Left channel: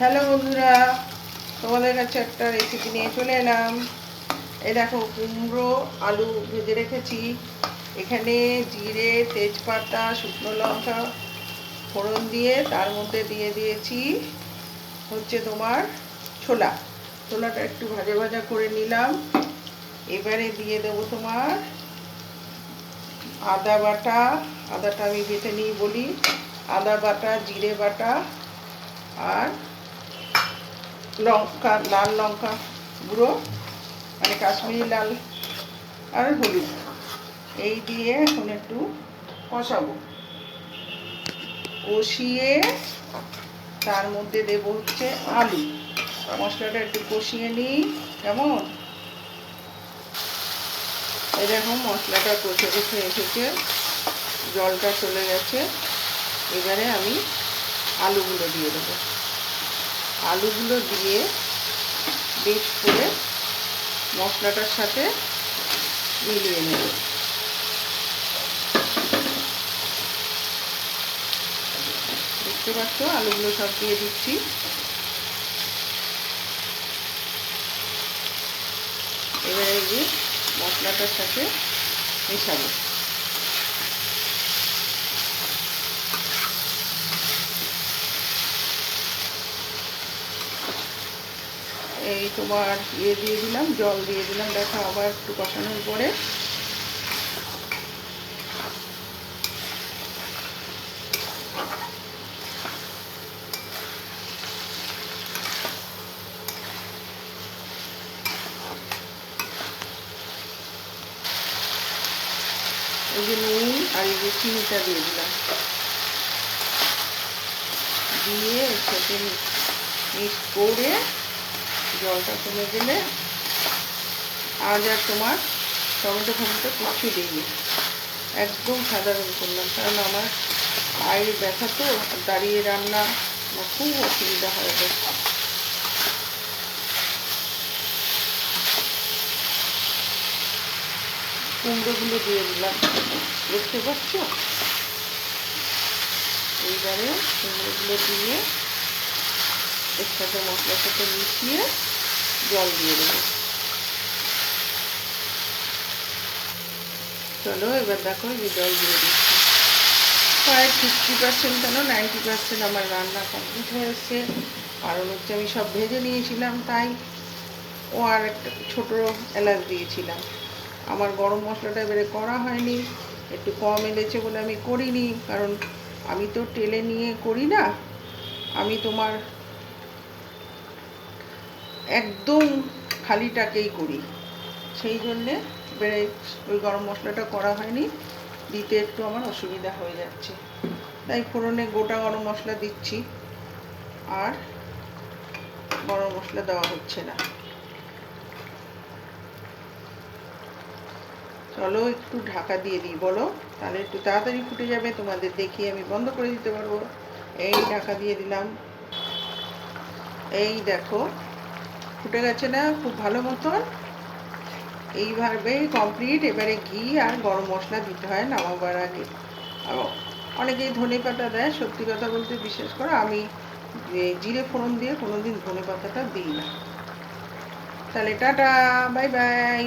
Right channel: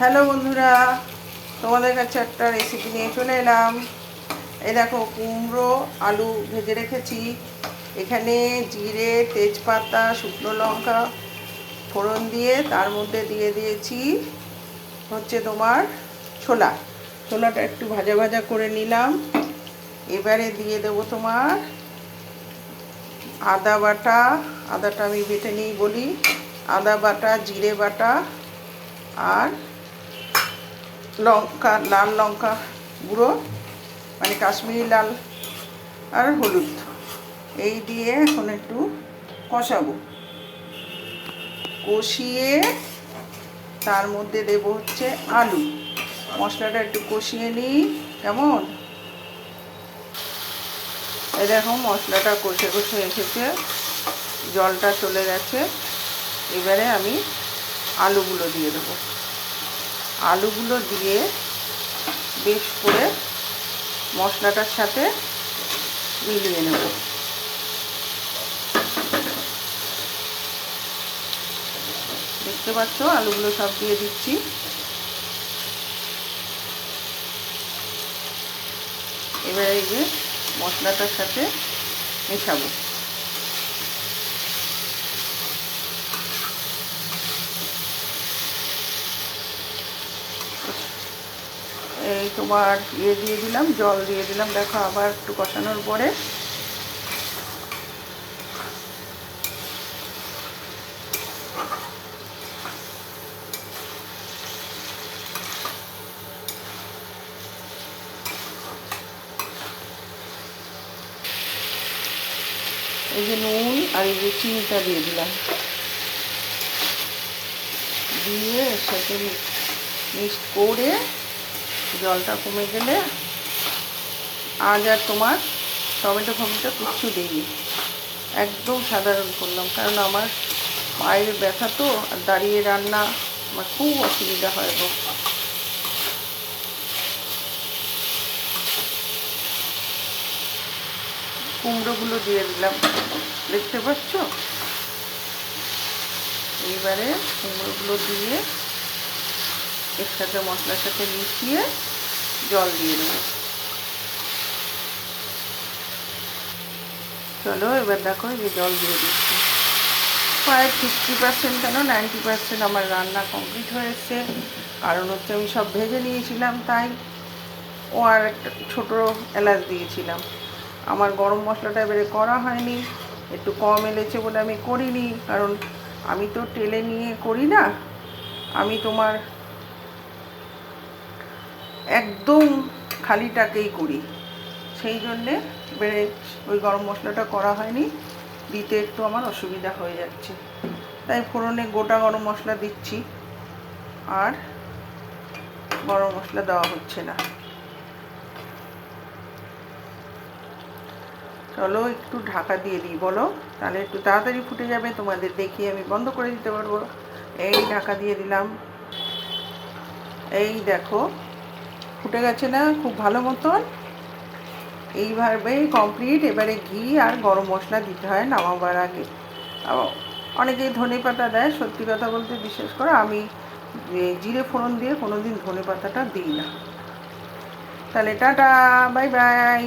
Hello বন্ধুরা, তোমাদের কাছে একটা রেসিপি নিয়ে চলে এলাম। এই দেখো, কুমড়ো আলু ভেজে রেখেছি। এখানে জিরে, তেজপাতা, শুকনো লঙ্কা ফোড়ন দিয়ে তার মধ্যে দিয়ে দিয়েছি হচ্ছে তোমার ছোলাটা একটু ভাজা ভাজা করে নিলাম। এবারে দিয়ে দেবো তোমার আদা বাটা। আদাটা আমি বেটে নিই বলি। আদা বাটা, জিরে বাটা আর লাল লঙ্কা গুঁড়ো, মানে কাশ্মীরি লাল, আর হলুদ, এই দিয়ে এখন একটু কষাবো। কষিয়ে তার মধ্যে দেব হচ্ছে আলু। মশলাটা একটু কষিয়ে নিই। কেমন, এই দেখো মশলাটা কষে কষে এসেছে, জলটা চলে গেছে। এবারে আমি আলুগুলো দিয়ে দেবো। আলুগুলো দিয়ে বেশ করে মশলাটার সাথে মিলিয়ে নেব। দেখতে পাচ্ছ, আলুগুলো সব দিয়ে দিচ্ছি। এবারে এই যে মশলাটার সাথে মেশাবো। এই তোমার দিয়ে দিলাম, জল দিয়ে দিলাম। দেখো, আবার একটু কষানোর পরে এই যে নুন আর এই যে চিনিটা দিয়ে দিলাম। দিয়ে সেটাকে মিক্স করে জলটা কমে গেলে, আজ আর তোমার টমেটো কিচ্ছু দিইনি, একদম সাধারণ করলাম। কারণ আমার পায়ের ব্যথা তো, আর দাঁড়িয়ে রান্না আমার খুব অসুবিধা হয় গো। কুমড়োগুলো দিয়ে দিলাম, দেখতে পাচ্ছ। এইবারে কুমড়োগুলো দিয়ে এর সাথে মশলার সাথে মিশিয়ে জল দিয়ে দেবো। চলো, এবার দেখো, এই যে জল দিয়ে দিচ্ছি। প্রায় 50% কেন 90% আমার রান্না কমপ্লিট হয়েছে। কারণ হচ্ছে আমি সব ভেজে নিয়েছিলাম, তাই। ও আর একটা ছোটো এলাচ দিয়েছিলাম। আমার গরম মশলাটা এবারে করা হয়নি, একটু কম এলেছে বলে আমি করিনি। কারণ আমি তো টেলে নিয়ে করি না, আমি তোমার একদম খালিটাকেই করি। সেই জন্যে এবারে ওই গরম মশলাটা করা হয়নি, দিতে একটু আমার অসুবিধা হয়ে যাচ্ছে। তাই ফোড়নে গোটা গরম মশলা দিচ্ছি, আর গরম মশলা দেওয়া হচ্ছে না। চলো একটু ঢাকা দিয়ে দিই, বলো, তাহলে একটু তাড়াতাড়ি ফুটে যাবে, তোমাদের দেখিয়ে আমি বন্ধ করে দিতে পারবো। এই ঢাকা দিয়ে দিলাম। এই দেখো, ফুটে গেছে না খুব ভালো মতন। এইভাবে কমপ্লিট। এবারে ঘি আর গরম মশলা দিতে হয় নামাবার আগে। অনেকেই ধনে পাতা দেয়, সত্যি কথা বলতে বিশেষ করে আমি জিরে ফোড়ন দিয়ে কোনোদিন ধনে পাতাটা দিই না। তাহলে টাটা, বাই বাই।